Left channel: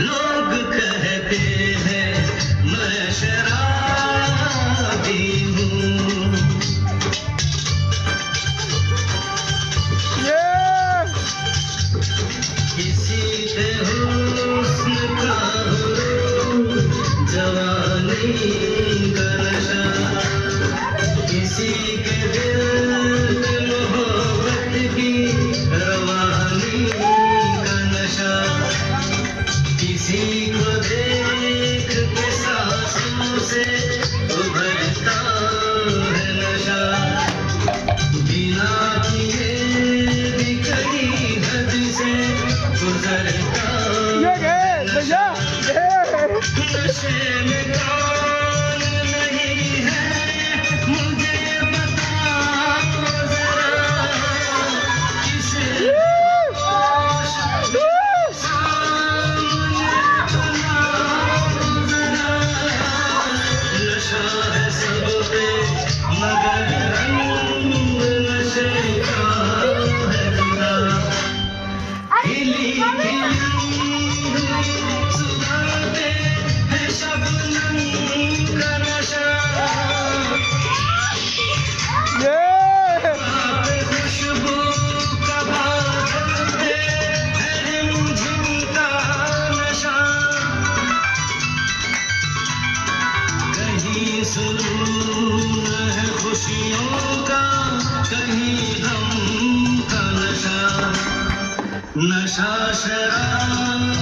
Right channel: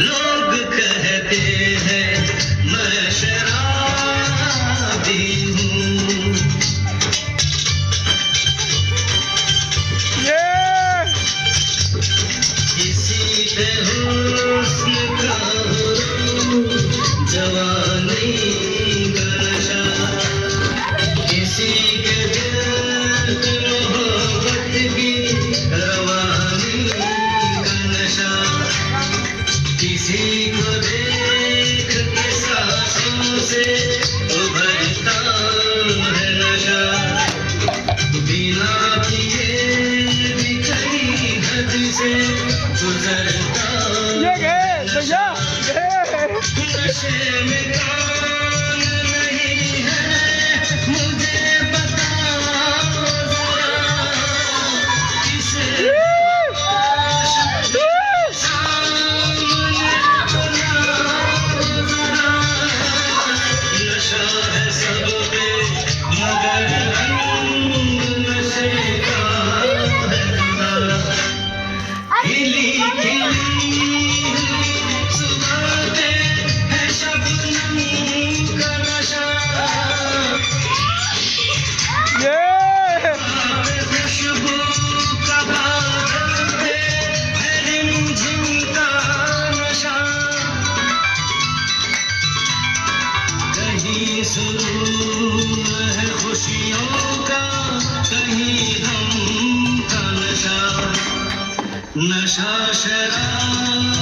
लोग कहते हैं मैं शराबी हूँ। किसी के हुस्न का जवानी का नशा, किसी के दिल मोहब्बत की रवानी का नशा, किसी को देख के सांसों से उभरता है नशा, बिना किए भी कई हद से गुजरता नशा। नशे में कौन नहीं है मुझे बताओ जरा, किसे सामने बनाओ जरा। नशा है सब पे मगर रंग नशे का है जुदा। खिली खिली सुबह है शबनम का नशा, खुशबू का बादल पे है रिमझिम का नशा। कहीं सुरूर है खुशियों का, कहीं गम का नशा। नशा शराब